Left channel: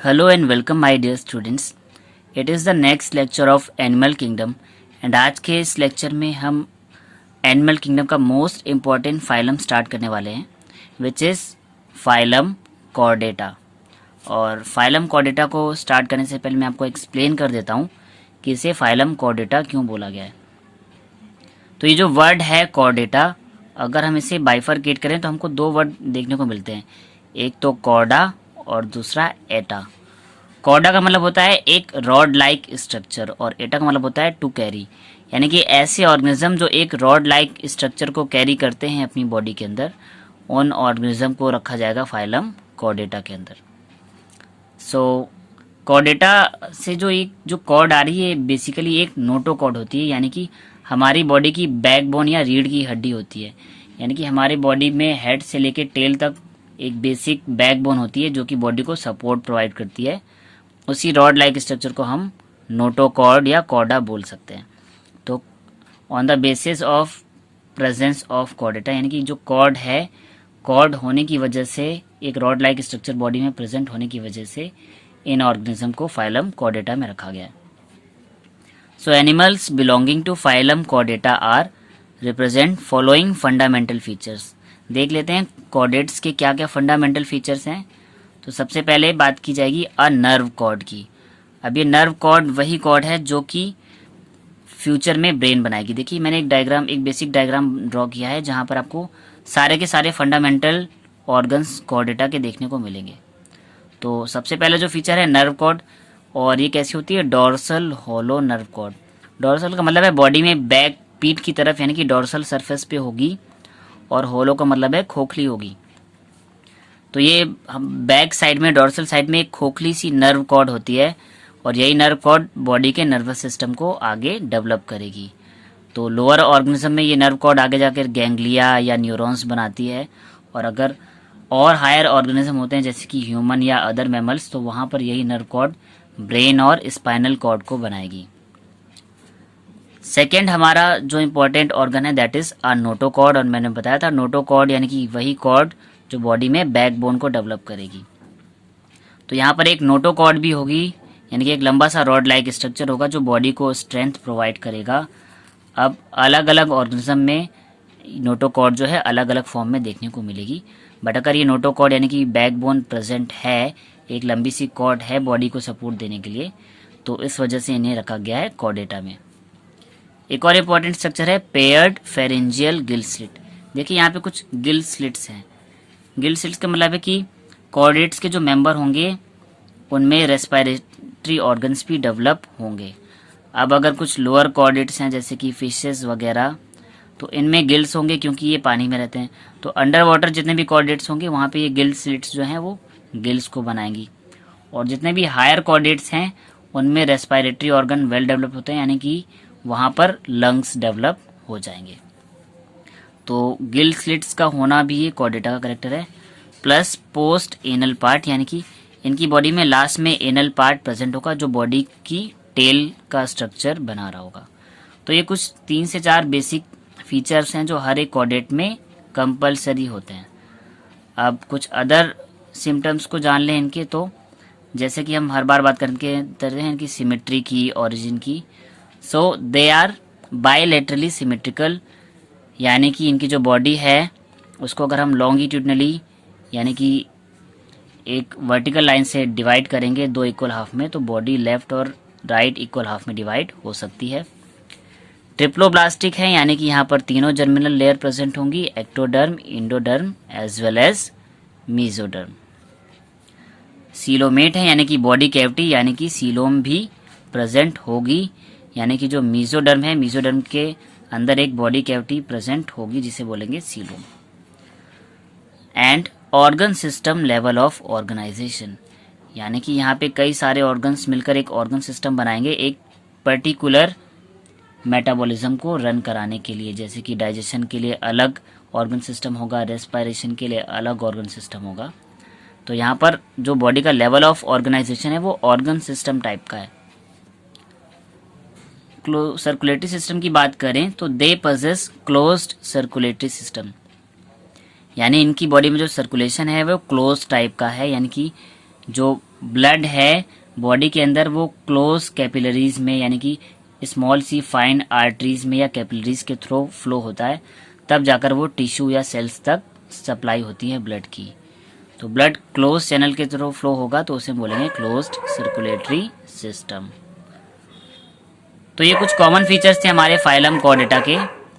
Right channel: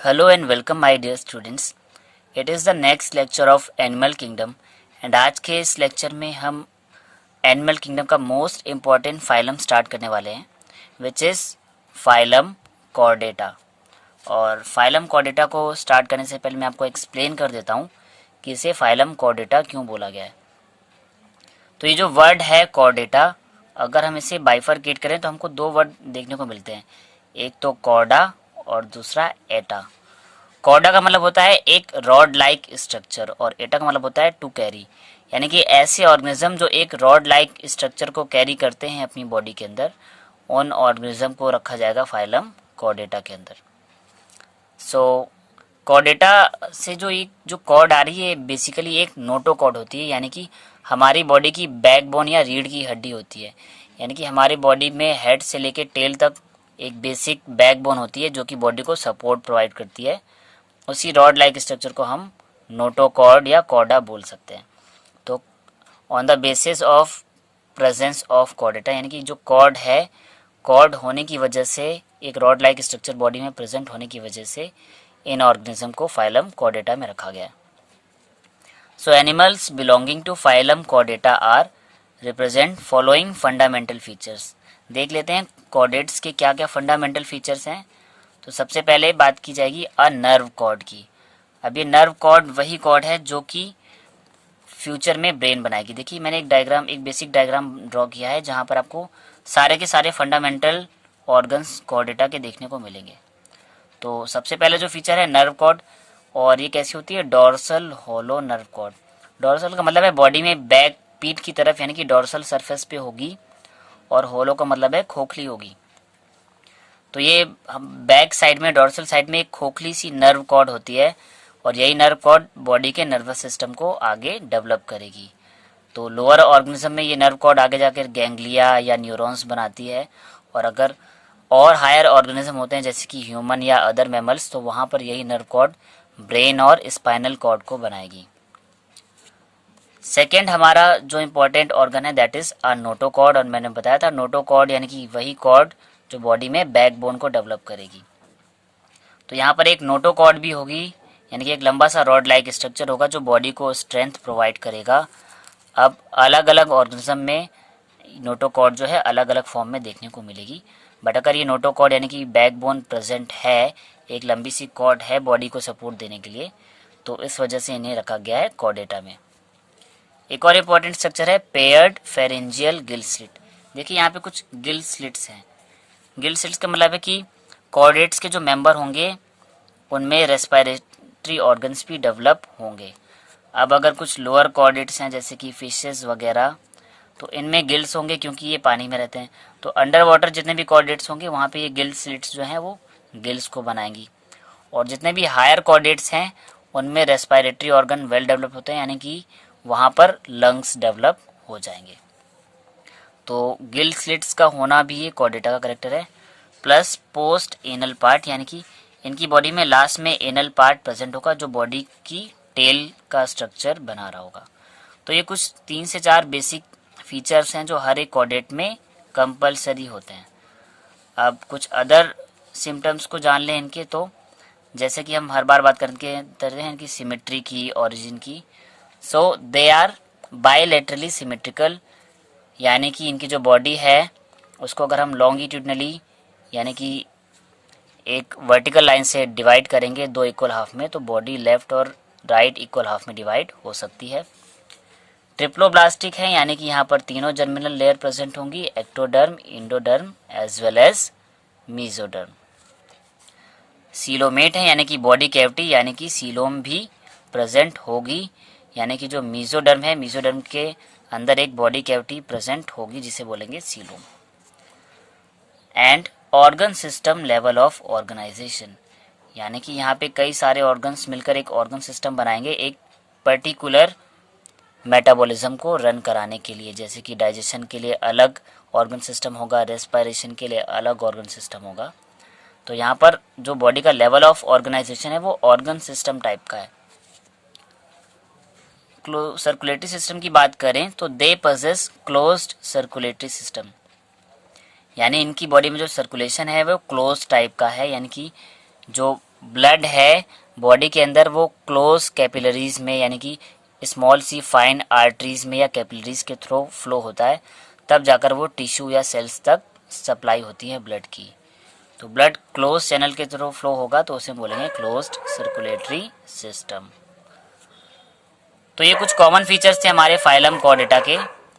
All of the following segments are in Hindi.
Hello and welcome my dear students. It is the next lecture of Animal Kingdom and आज के इस लेक्चर में हम एनिमल किंगडम का मोस्ट इम्पॉर्टेंट फाइलम स्टार्ट करने वाले हैं विच इज़ फाइलम कॉर्डेटा। और फाइलम कॉर्डेटा को स्टार्ट करने से पहले मैं आपको एक्सप्लेन कर देता हूँ कि इसे फाइलम कॉर्डेटा क्यों बोला गया है। तो ये जो वर्ड है कॉर्डेटा, अगर हम इसे बाइफरकेट करें तो हमको दो वर्ड देखने को मिलते हैं, एक तो कॉर्डा और दूसरा एटा। कॉर्डा का मतलब होता है एक रॉड लाइक स्ट्रक्चर और एटा का मतलब होता है टू कैरी, यानी कि ऐसे ऑर्गेनिज्म जो एक रॉड लाइक स्ट्रक्चर को कैरी करते हैं अपनी बॉडी के अंदर, उन ऑर्गेनिज्म को रखा जाएगा फाइलम कॉर्डेटा के अंदर। सो कॉर्डेटा से जो कॉर्ड आ रही है बेसिकली एक नोटोकॉर्ड होती है, यानी कि हमारी बॉडी की बैकबोन या रीढ़ की हड्डी होती है। यानी कि हमारी बॉडी में हेड से लेके टेल तक एक बेसिक बैकबोन होती है जो कि बॉडी को सपोर्ट प्रोवाइड करती है। उसी रॉड लाइक स्ट्रक्चर को हम नोटोकॉर्ड या कॉर्डा बोल सकते हैं। तो on the basis of presence of Chordata, यानी कि जो कॉर्ड है, कॉर्ड होने की वजह से, एक रॉड लाइक स्ट्रक्चर बॉडी में प्रेजेंट होने की वजह से इन ऑर्गेनिज्म को फाइलम कॉर्डेटा में रखा गया है। So animals belonging to phylum chordata are represent following fundamental features. देख लेते हैं कॉर्डेट्स के क्या क्या फंडामेंटल फीचर्स हैं। तो सबसे पहले बात की जाएगी अ नर्व कॉर्ड की। अब ये नर्व कॉर्ड वही कॉर्ड है जो कि फ्यूचर में ब्रेन बनाएगी। देखिए मैंने एक बेसिक डायग्राम ड्रॉ किया है जहां पर आपको सारे के सारे फंडामेंटल ऑर्गन्स कॉर्डेटा के देखने को मिलेंगे। तो सबसे पहले जो फीचर है नर्व कॉर्ड, और ये कैसी होती है, dorsal hollow nerve cord. Dorsal का मतलब है बॉडी में बैक, पीठ की तरफ, यानी कि डोर्सल सरफेस पे होगी, और होलो का मतलब है खोखली होगी। तो ये बैक साइड में, डोर्सल साइड में एक खोखली सी नर्व कॉर्ड होती है, और यही नर्व कॉर्ड बॉडी के नर्वस सिस्टम को आगे डेवलप करेगी। तो लोअर ऑर्गेनिज्म में ये नर्व कॉर्ड आगे जाकर गैंग्लिया या न्यूरॉन्स बनाती है, और अगर और हायर ऑर्गेनिज्म होते हैं जैसे कि ह्यूमन या अदर मैमल्स, तो वहां पर यही नर्व कॉर्ड ब्रेन और स्पाइनल कॉर्ड को बनाएगी। सेकेंड हमारा जो इम्पोर्टेंट ऑर्गन है दैट इज अ नोटोकॉर्ड, और मैंने बताया था नोटोकॉर्ड यानी कि वही कॉर्ड जो बॉडी में बैकबोन को डेवलप करेगी। तो यहाँ पर एक नोटोकॉर्ड भी होगी, यानी कि एक लंबा सा रॉड लाइक स्ट्रक्चर होगा जो बॉडी को स्ट्रेंथ प्रोवाइड करेगा। अब अलग अलग ऑर्गेनिज्म में नोटोकॉर्ड जो है अलग अलग फॉर्म में देखने को मिलेगी, बट अगर ये नोटोकॉर्ड यानी कि बैकबोन प्रेजेंट है, एक लंबी सी कॉर्ड है बॉडी को सपोर्ट देने के लिए, तो इस वजह से इन्हें रखा गया है कॉर्डेटा में। एक और इम्पोर्टेंट स्ट्रक्चर है पेयर्ड फेरेंजियल गिल स्लिट। देखिए यहाँ पे कुछ गिल स्लिट्स हैं। गिल स्लिट्स का मतलब है कि कॉर्डेट्स के जो मेंबर होंगे उनमें रेस्पिरेटरी ऑर्गन्स भी डेवलप होंगे। अब अगर कुछ लोअर कॉर्डेट्स हैं जैसे कि फिशेस वगैरह, तो इनमें गिल्स होंगे क्योंकि ये पानी में रहते हैं। तो अंडर वाटर जितने भी कॉर्डेट्स होंगे वहाँ पे ये गिल स्लिट्स जो हैं वो गिल्स को बनाएंगी। और जितने भी हायर कॉर्डेट्स हैं उनमें रेस्पिरेटरी ऑर्गन वेल डेवलप होते हैं, यानी कि वहाँ पर लंग्स डेवलप हो जाएंगे। तो गिल स्लिट्स का होना भी ये कॉर्डेटा का करेक्टर है। प्लस पोस्ट एनल पार्ट, यानी कि इनकी बॉडी में लास्ट में एनल पार्ट प्रेजेंट होगा जो बॉडी की टेल का स्ट्रक्चर बना रहा होगा। तो ये कुछ 3 से 4 बेसिक फीचर्स हैं जो हर एक कॉर्डेट में कंपलसरी होते हैं। अब कुछ अदर सिम्टम्स को जान लें इनके, तो जैसे कि हम हर बार बात करते हैं इनकी सिमेट्री की, ओरिजिन की। सो दे आर बायलैटरली सिमेट्रिकल, यानी कि इनकी जो बॉडी है उसको अगर हम लॉन्गिट्यूडनली यानी कि एक वर्टिकल लाइन से डिवाइड करेंगे दो इक्वल हाफ में, तो बॉडी लेफ्ट और राइट इक्वल हाफ में डिवाइड हो सकती है। ट्रिप्लोब्लास्टिक है, यानी कि यहाँ पर तीनों जर्मिनल लेयर प्रेजेंट होंगी, ectoderm, endoderm as well as mesoderm. Coelomate है, यानी कि बॉडी कैविटी, यानी कि सीलोम भी प्रेजेंट होगी, यानी कि जो मीजोडर्म है, मीजोडर्म के अंदर एक बॉडी कैविटी प्रेजेंट होगी जिसे बोलेंगे coelom. And organ system level of organisation, यानी कि यहाँ पे कई सारे ऑर्गन्स मिलकर एक ऑर्गन सिस्टम बनाएंगे एक पर्टिकुलर मेटाबॉलिज्म को रन कराने के लिए। जैसे कि डाइजेशन के लिए अलग ऑर्गन सिस्टम होगा, रेस्पिरेशन के लिए अलग ऑर्गन सिस्टम होगा। तो यहाँ पर जो बॉडी का लेवल ऑफ ऑर्गेनाइजेशन है वो ऑर्गन सिस्टम टाइप का है। सर्कुलेटरी सिस्टम की बात करें तो they possess closed circulatory system, यानी इनकी बॉडी में जो सर्कुलेशन है वो क्लोज टाइप का है, यानी कि जो ब्लड है बॉडी के अंदर वो क्लोज कैपिलरीज में यानी कि स्मॉल सी फाइन आर्टरीज में या कैपिलरीज के थ्रू फ्लो होता है, तब जाकर वो टिश्यू या सेल्स तक सप्लाई होती है ब्लड की। तो ब्लड क्लोज चैनल के थ्रू फ्लो होगा तो उसे बोलेंगे क्लोज्ड सर्कुलेटरी सिस्टम। तो ये कुछ कॉमन फीचर्स थे हमारे फाइलम कॉर्डेटा के।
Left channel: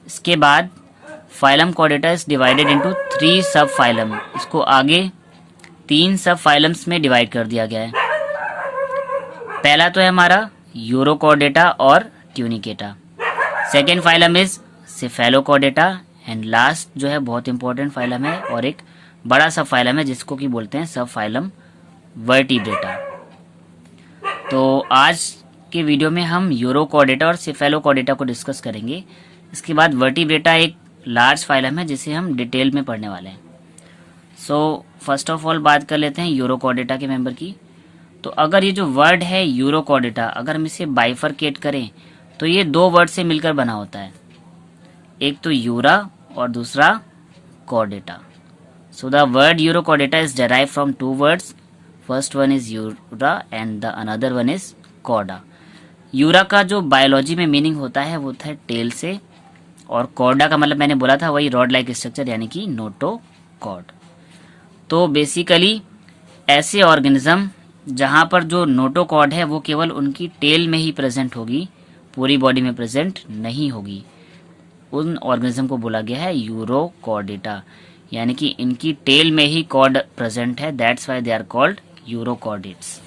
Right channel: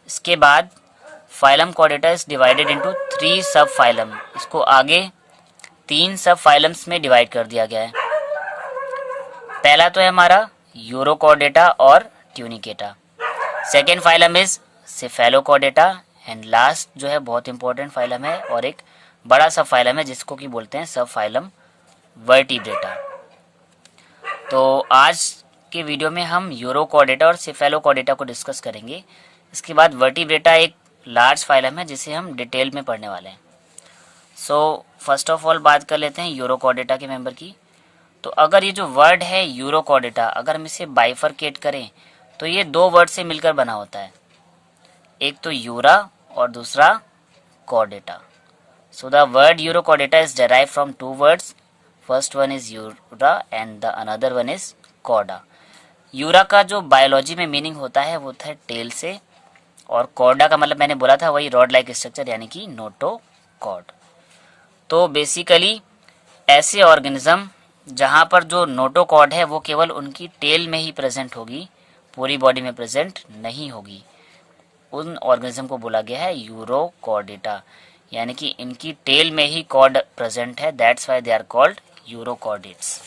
इसके बाद phylum Chordata is divided into 3 सब फाइलम। इसको आगे 3 सब फाइलम्स में डिवाइड कर दिया गया है। पहला तो है हमारा यूरोकॉर्डेटा और Tunicata. Second phylum is Cephalochordata and last जो है बहुत इंपॉर्टेंट फाइलम है और एक बड़ा सब फाइलम है जिसको कि बोलते हैं सब फाइलम वर्टिब्रेटा। तो आज के वीडियो में हम यूरोकॉर्डेटा और सेफेलोकॉर्डेटा को डिस्कस करेंगे। इसके बाद वर्टिब्रेटा एक लार्ज फाइलम है जिसे हम डिटेल में पढ़ने वाले हैं। सो फर्स्ट ऑफ ऑल बात कर लेते हैं यूरोकॉर्डेटा के मेंबर की। तो अगर ये जो वर्ड है यूरोकॉर्डेटा, अगर हम इसे बाइफरकेट करें तो ये 2 वर्ड से मिलकर बना होता है, एक तो यूरा और दूसरा chordata. So the word urochordata is derive from 2 words, first one is ura and the another one is chorda. Ura का जो बायोलॉजी में मीनिंग होता है वो था टेल से, और कॉर्डा का मतलब मैंने बोला था वही रॉड लाइक स्ट्रक्चर यानी कि नोटोकॉर्ड। तो बेसिकली ऐसे ऑर्गेनिज्म जहां पर जो नोटोकॉर्ड है वो केवल उनकी टेल में ही प्रेजेंट होगी, पूरी बॉडी में प्रेजेंट नहीं होगी, उन ऑर्गेनिज्म को बोला गया है यूरोकॉर्डेटा, यानी कि इनकी टेल में ही कॉर्ड प्रेजेंट है, that's why they are called urochordates.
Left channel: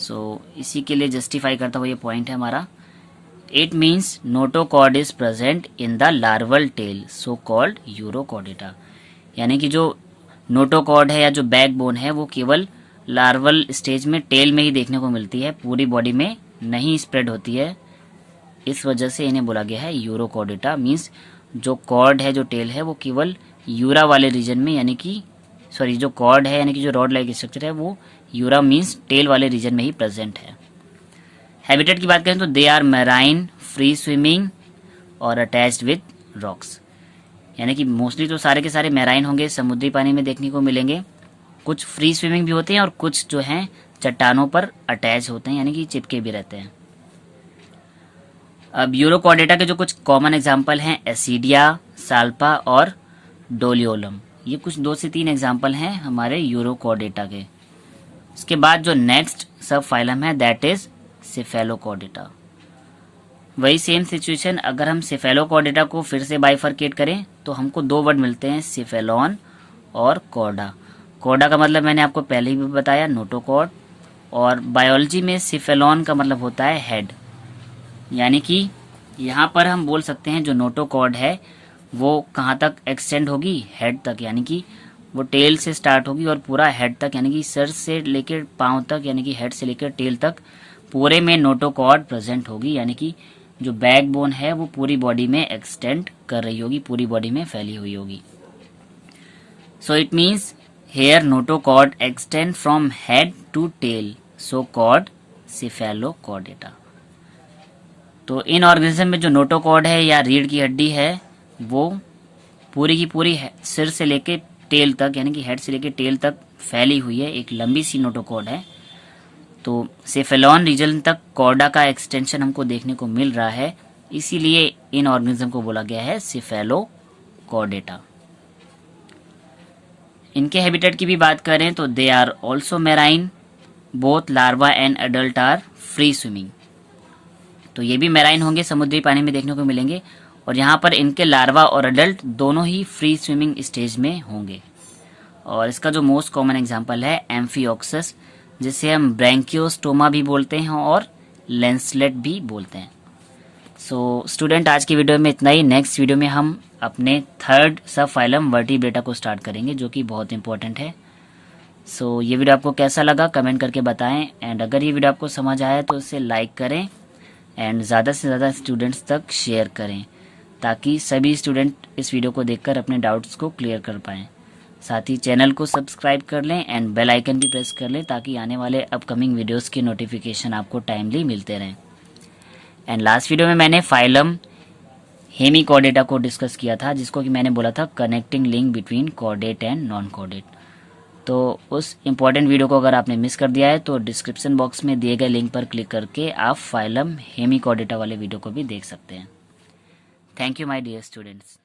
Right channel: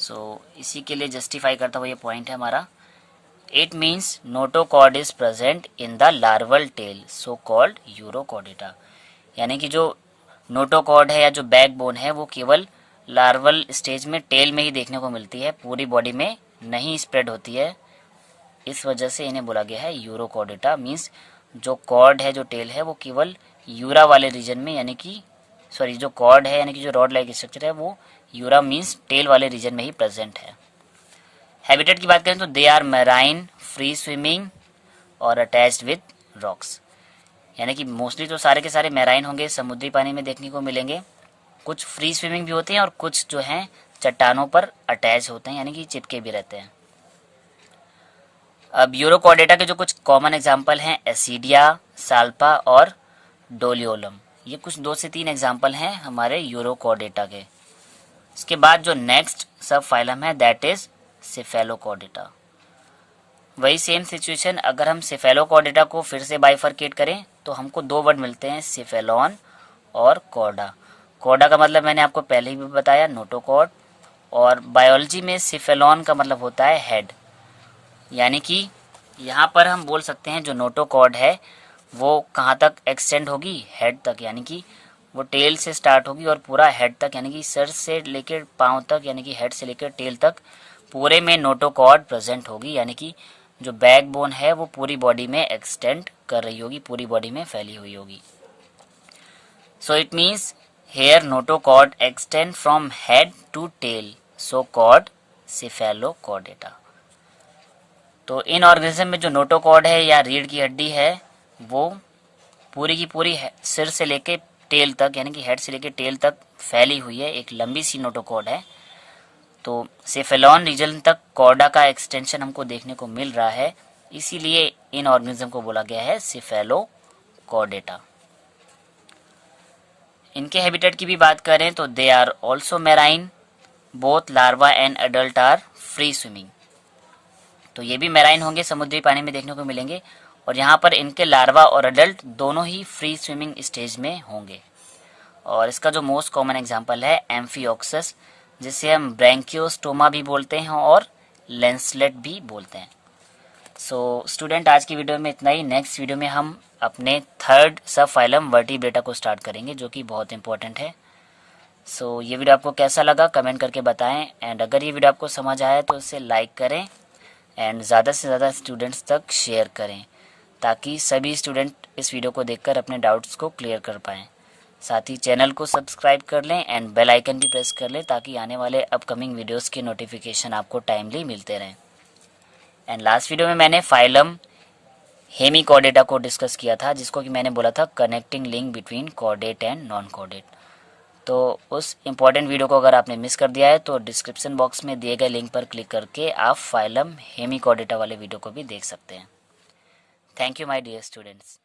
So इसी के लिए जस्टिफाई करता हुआ ये पॉइंट है हमारा, it means notochord is present in the larval tail so called urochordata. यानी कि जो नोटोकॉर्ड है या जो बैकबोन है वो केवल लार्वल स्टेज में टेल में ही देखने को मिलती है, पूरी बॉडी में नहीं स्प्रेड होती है, इस वजह से इन्हें बोला गया है यूरोकॉर्डेटा। मीन्स जो कॉर्ड है जो टेल है वो केवल यूरा वाले रीजन में यानी कि जो कॉर्ड है यानी कि जो रॉड लाइक स्ट्रक्चर है वो यूरा मीन्स टेल वाले रीजन में ही प्रेजेंट है। हैबिटेट की बात करें तो they are marine, free swimming और अटैच्ड विद रॉक्स। यानी कि मोस्टली तो सारे के सारे मैराइन होंगे, समुद्री पानी में देखने को मिलेंगे, कुछ फ्री स्विमिंग भी होते हैं और कुछ जो हैं चट्टानों पर अटैच होते हैं यानी कि चिपके भी रहते हैं। अब यूरोकॉर्डेटा के जो कुछ कॉमन एग्जाम्पल हैं एसिडिया, साल्पा और डोलियोलम, ये कुछ 2 से 3 एग्जाम्पल हैं हमारे यूरोकॉर्डेटा के। इसके बाद जो नेक्स्ट सब फाइलम है दैट इज सेफेलोकॉर्डेटा। वही सेम सिचुएशन, अगर हम सेफेलोकॉर्डेटा को फिर से बाइफरकेट करें तो हमको 2 वर्ड मिलते हैं, सेफेलॉन और कॉर्डा। कॉर्डा का मतलब मैंने आपको पहले ही भी बताया नोटोकॉर्ड, और बायोलॉजी में सिफेलॉन का मतलब होता है हेड। यानी कि यहाँ पर हम बोल सकते हैं जो नोटोकॉर्ड है वो कहाँ तक एक्सटेंड होगी, हेड तक, यानी कि वो टेल से स्टार्ट होगी और पूरा हेड तक, यानी कि सर से लेकर पाँव तक, यानी कि हेड से लेकर टेल तक पूरे में नोटोकॉर्ड प्रेजेंट होगी। यानी कि जो बैकबोन है वो पूरी बॉडी में एक्सटेंड कर रही होगी, पूरी बॉडी में फैली हुई होगी। So it means here notochord extend from head to tail so called cephalochordata. तो इन ऑर्गेनिज्म में जो नोटोकॉर्ड है या रीढ़ की हड्डी है वो पूरी की पूरी सिर से लेकर टेल तक यानी कि हेड से लेकर टेल तक फैली हुई है, एक लंबी सी नोटोकॉर्ड है। तो सेफेलॉन रीजन तक कॉर्डा का एक्सटेंशन हमको देखने को मिल रहा है, इसीलिए इन ऑर्गेनिज्म को बोला गया है सेफेलोकॉर्डेटा। इनके हैबिटेट की भी बात करें तो they are also marine, both larva and adult are free swimming. तो ये भी मैराइन होंगे, समुद्री पानी में देखने को मिलेंगे, और यहाँ पर इनके लार्वा और एडल्ट दोनों ही फ्री स्विमिंग स्टेज में होंगे। और इसका जो मोस्ट कॉमन एग्जांपल है एम्फियोक्सस, जिसे हम ब्रैंकियोस्टोमा भी बोलते हैं और लेंसलेट भी बोलते हैं। सो स्टूडेंट, आज की वीडियो में इतना ही। नेक्स्ट वीडियो में हम अपने थर्ड सब फाइलम वर्टिब्रेटा को स्टार्ट करेंगे जो कि बहुत इंपॉर्टेंट है। सो ये वीडियो आपको कैसा लगा कमेंट करके बताएं, एंड अगर ये वीडियो आपको समझ आया तो इसे लाइक करें एंड ज़्यादा से ज़्यादा स्टूडेंट्स तक शेयर करें ताकि सभी स्टूडेंट इस वीडियो को देखकर अपने डाउट्स को क्लियर कर पाएँ। साथ ही चैनल को सब्सक्राइब कर लें एंड बेल आइकन भी प्रेस कर लें ताकि आने वाले अपकमिंग वीडियोस के नोटिफिकेशन आपको टाइमली मिलते रहें। एंड लास्ट वीडियो में मैंने फाइलम हेमिकॉर्डेटा को डिस्कस किया था, जिसको कि मैंने बोला था connecting link between chordate and non chordate. तो उस इम्पॉर्टेंट वीडियो को अगर आपने मिस कर दिया है तो डिस्क्रिप्शन बॉक्स में दिए गए लिंक पर क्लिक करके आप फाइलम हेमिचोर्डाटा वाले वीडियो को भी देख सकते हैं। Thank you my dear students.